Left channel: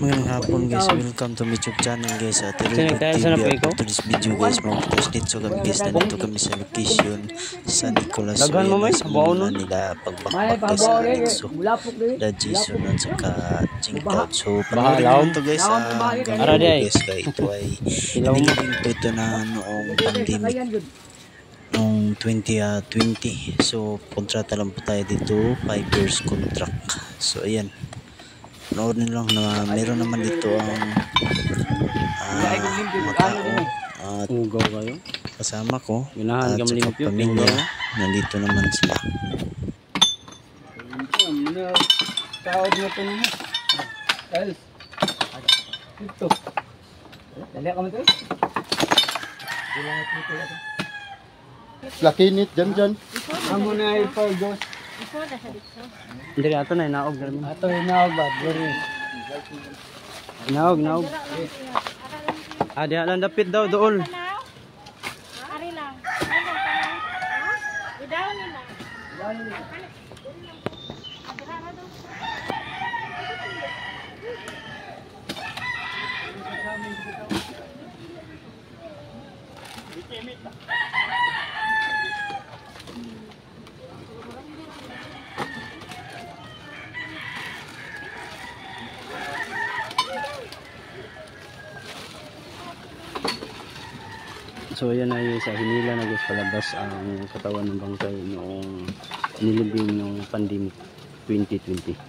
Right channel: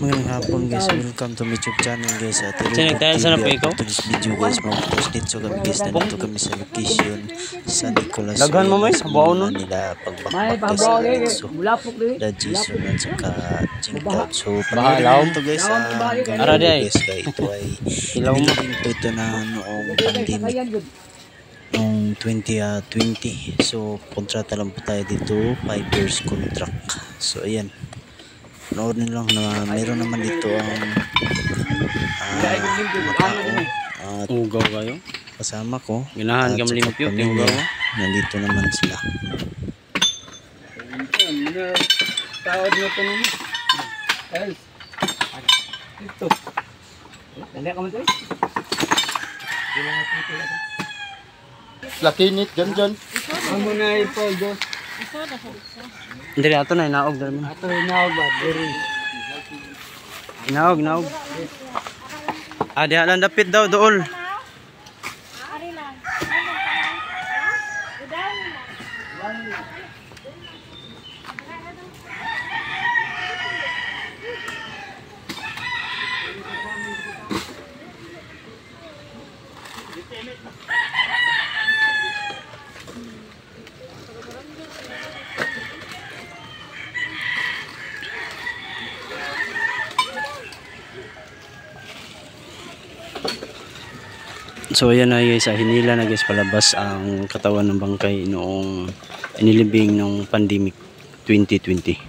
Magandang hapon guys, welcome to my YouTube channel guys. At Sana po ikaw? to this video guys, mag-post dito kami guys, nandito kami sa location sa Nicolas. Daghan mo man, sa baon muna nun. nila pagbakbak guys sa Alexo, da Jason at saka Jinkout. So panoorin naman to guys, hanggang Ara, dulo day. guys, kaya ito ay Ilaw mo. inilibing po ito na noong pandemic noong 2020. So kontrata lang po tayo dito, 5 years contract. So ayan, panoorin lang na meron naman dito ang mga tao at Ugaw kayo. kasama ko Ginahan at ka saka malimpyo. pamilya. Nandito naman sila. Tawad mo ito naman. Els. Ito. Dali ka mo ito. Lakinit, dyan. Amo na ipay, Diyos. Dali, ato na, inaog. Ato na, inaog ba? Dali. Inaog. Diha lang dapit daw, dool. Ari lang. Udaw nila. So ayan na guys, hinila na guys palabas ang katawan ng bangkay noong inilibing ng pandemic 2020.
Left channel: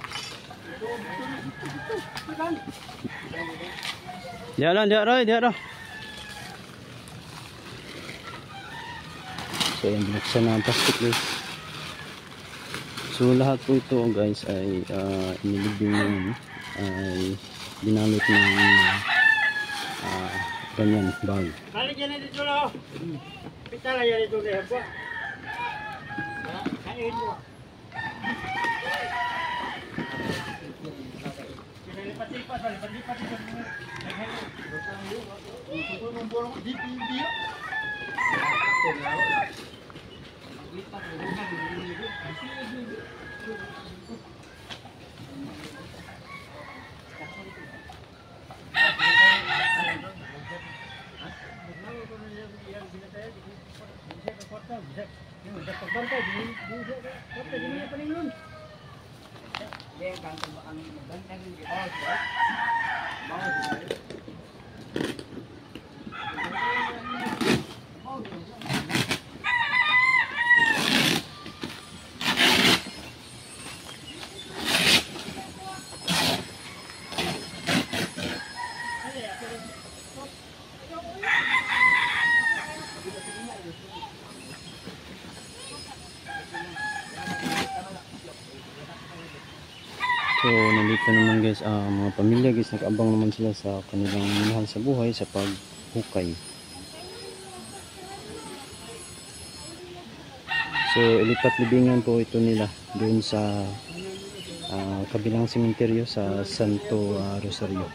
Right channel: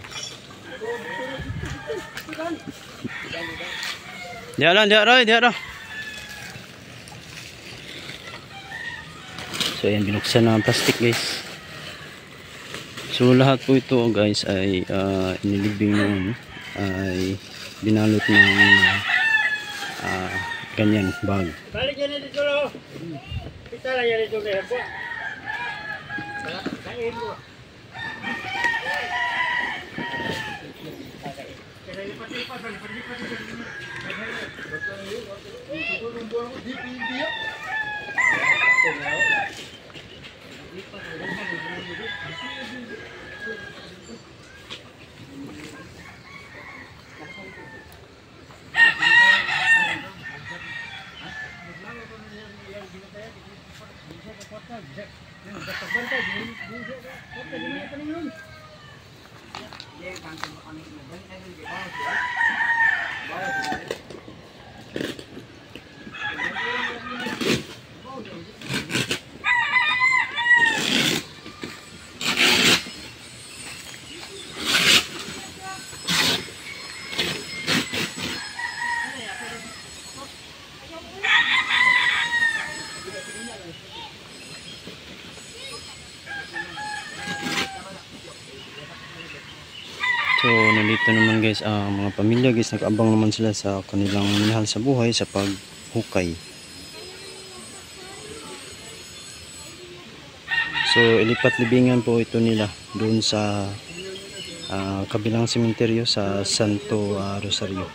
Diyan lang. So ayan, binuksan na ang plastic guys. So lahat po ito guys ay inilibing noon, ay binalot ng ganyan bag. Balik yan na dito lang. Pita lang yan dito na yan. Kain mo. So nandito naman guys ang mga pamilya guys, nag-abang naman sila sa kanilang minahal sa buhay sa paghukay. So ilipat libingan po ito nila doon sa kabilang sementeryo sa Santo Rosario.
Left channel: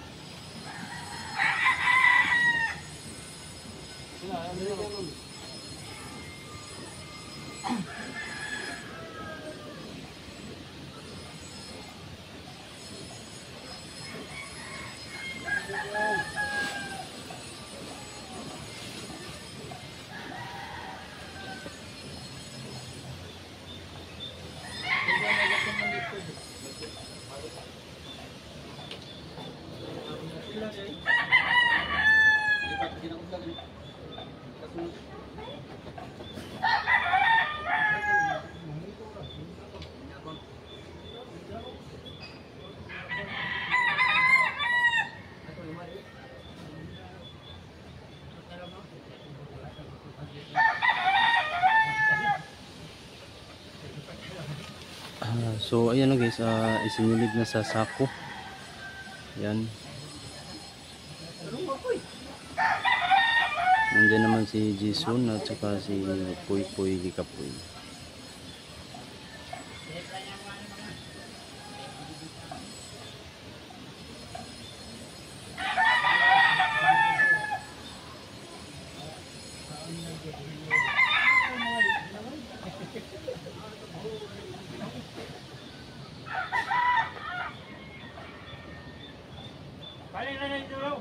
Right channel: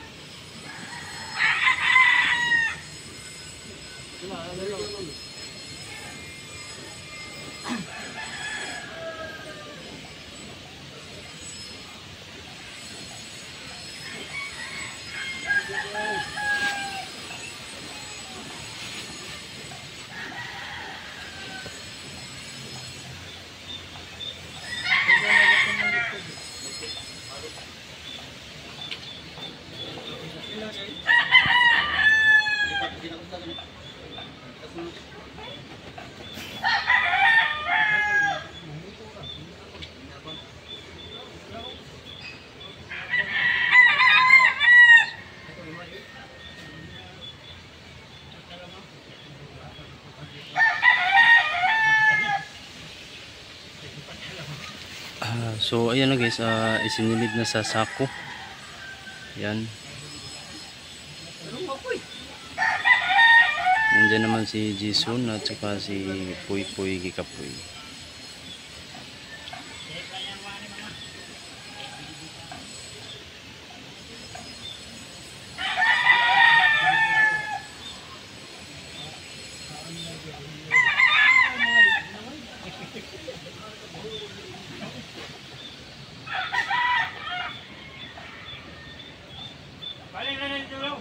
So ayan na guys, isinilid na sa sako. Yan. Nandiyan naman si Jason at saka si Puy Gikapoy. Balik na dito lang.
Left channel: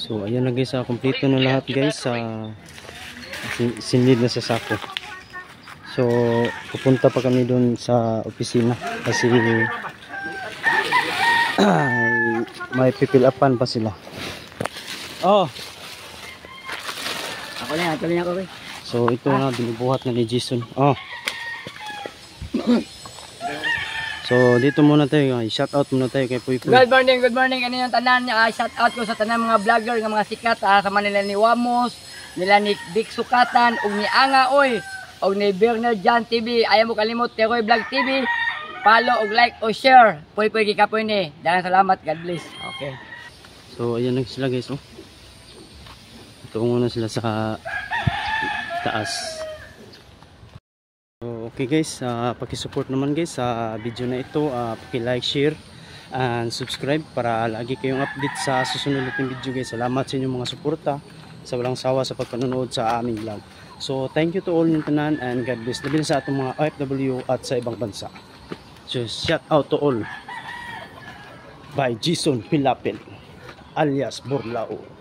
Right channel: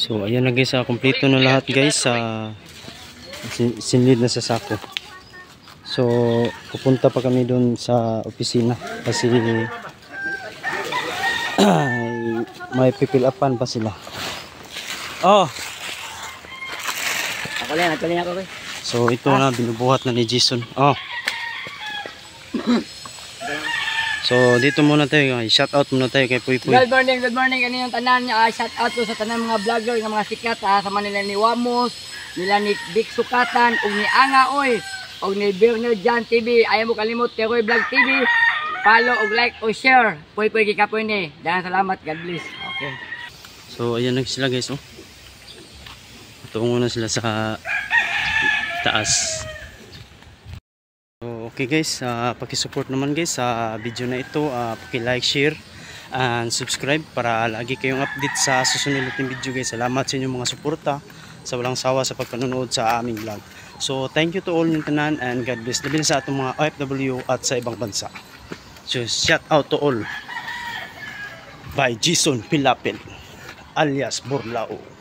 So ayan na guys, kompleto na lahat guys sa sinlid na sa sako. So pupunta pa kami doon sa opisina kasi may pipil upan pa sila. Oh. Ako lang, actually ako kay. So ito na binubuhat na ni Jason. Oh. So dito muna tayo, shout out muna tayo kay Puy Puy. Good morning. Ano yung tanan niya? Shout out ko sa tanan mga vlogger, ng mga sikat sa Manila ni Wamos, nila ni Big Sukatan, ug ni Anga oy, ug ni Bernard Jan TV. Ayaw mo kalimot Teroy Vlog TV. Follow ug like o share. Puy Puy kikapoy ni. Daghang salamat, God bless. Okay. So ayan na sila guys, oh. Tungo na sila sa taas. So, okay guys, paki-support naman guys sa video na ito, paki-like, share and subscribe para lagi kayong update sa susunod nating video guys. Salamat sa inyong mga suporta sa walang sawa sa pagpanonood sa aming vlog. So thank you to all yung tanan and God bless. Labi na sa atong mga OFW at sa ibang bansa. So shout out to all by Jason Pilapin alias Burlao.